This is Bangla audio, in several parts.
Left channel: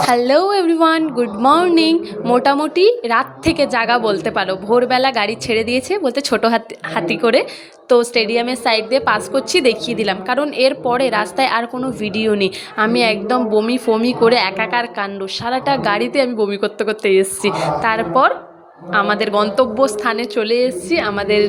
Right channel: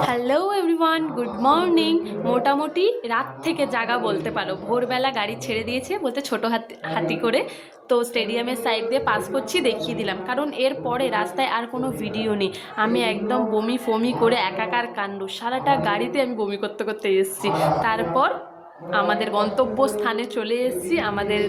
Hello everyone, good morning. মোটামুটি রাত থেকে জাগা বলতে পারো। ভোরবেলা গাড়ি ছেড়ে দিয়েছে বলতে ছোটো হাতি হাতি করে। তো স্টেডিয়ামের সাইড দিয়ে পাস করছি, দেখিয়ে দিলাম, কারণ এর পরে রাস্তায় আর কোনো ভিডিও নেই। আমি একদম বমি ফমি করে একাকার কাণ্ড, সারাটা গাড়িতে আমি বমি করতে করতে এসেছি। তারপর আমাদের গন্তব্যস্থানে চলে এসেছি। আমাদের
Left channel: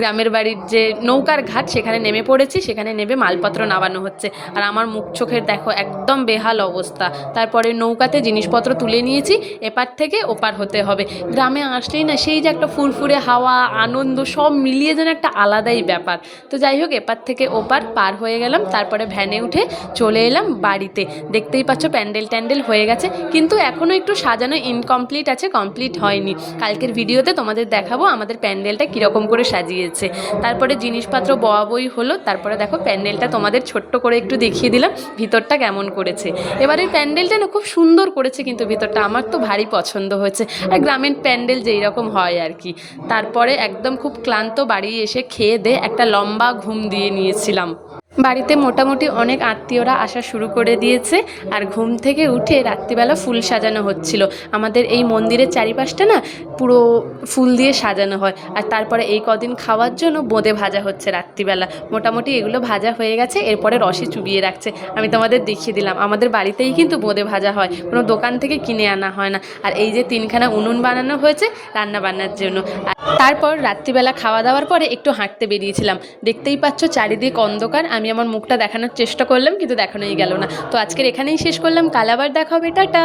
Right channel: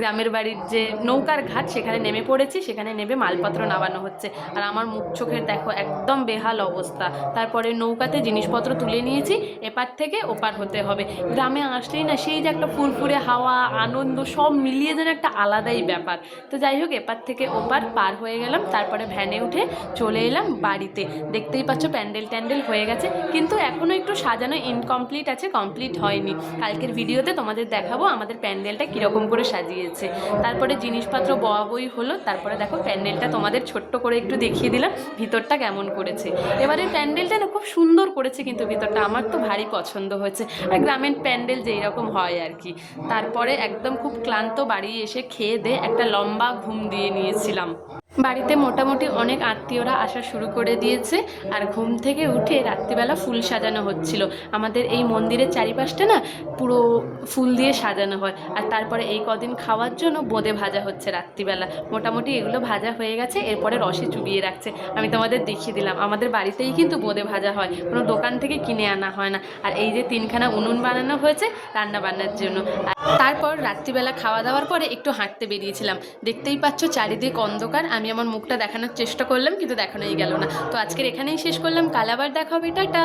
গ্রামের বাড়ির যে নৌকার ঘাট, সেখানে নেমে পড়েছি। সেখানে নেমে মালপত্র নামানো হচ্ছে। আর আমার মুখ চোখের দেখো একদম বেহাল অবস্থা। তারপরে নৌকাতে জিনিসপত্র তুলে নিয়েছি, এপার থেকে ওপার হতে হবে। গ্রামে আসলেই না সেই যে একটা ফুরফুরে হাওয়া, আনন্দ, সব মিলিয়ে যেন একটা আলাদাই ব্যাপার। তো যাই হোক, এপার থেকে ওপার পার হয়ে গেলাম। তারপরে ভ্যানে উঠে চলে এলাম বাড়িতে। দেখতেই পাচ্ছ প্যান্ডেল ট্যান্ডেল হয়ে গেছে, কিন্তু এখনও একটু সাজানো ইনকমপ্লিট আছে, কমপ্লিট হয়নি। কালকের ভিডিওতে তোমাদের দেখাবো আমাদের প্যান্ডেলটা কীরকম করে সাজিয়েছে। তারপরে জিনিসপত্র বই হলো। তারপরে দেখো প্যান্ডেলটা তোমাদের ছোট্ট করে একটু দেখিয়ে দিলাম ভিতরটা কেমন করেছে। এবারে প্যান্ডেলটা না খুব সুন্দর করেছে, কিন্তু ভিতরটা আমার তো ভারী পছন্দ হয়েছে। আর গ্রামের প্যান্ডেল যেই রকম হয় আর কি। তারপরে একদম খুব ক্লান্ত বাড়ি এসে খেয়ে দিয়ে একটা লম্বা ঘুম দিয়ে নিয়েছিলাম। বাড়িতে মোটামুটি অনেক আত্মীয়রা আসা শুরু করে দিয়েছে। আর ঘুম থেকে উঠে রাত্রিবেলা ফুল সাজানো হচ্ছিল। আমাদের এই মন্দিরের চারিপাশটা না পুরো ফুল দিয়ে সাজানো হয়। আর তারপরে এই কদিন খাওয়ার জন্য বোঁদে ভাজা হচ্ছে রাত্রিবেলা। মোটামুটি এগুলো ভাজা হয়ে গেছে, এরপরে রসে চুবিয়ে রাখছে। আমি তোমাদের দেখিয়ে দিলাম, আমাদের বাড়িতেই কিন্তু বোঁদে ভাজা হয়, কোনো দোকান থেকে কিনে আনা হয় না। আর এই যে 3খানা উনুন বানানো হয়েছে রান্না বান্নার জন্য। তারপর রাত্রিবেলা খাওয়া দাওয়ার পরে একটু হাঁটতে বেরিয়েছিলাম। দেখতেই পাচ্ছ চারিদিক অন্ধকার। আমি আমার মুখটা দেখানোর চেষ্টা করলাম, কিন্তু দেখানোই গেল না। তো আজকের এখানেই শেষ করলাম, কাল আবার দেখা হবে, টাটা।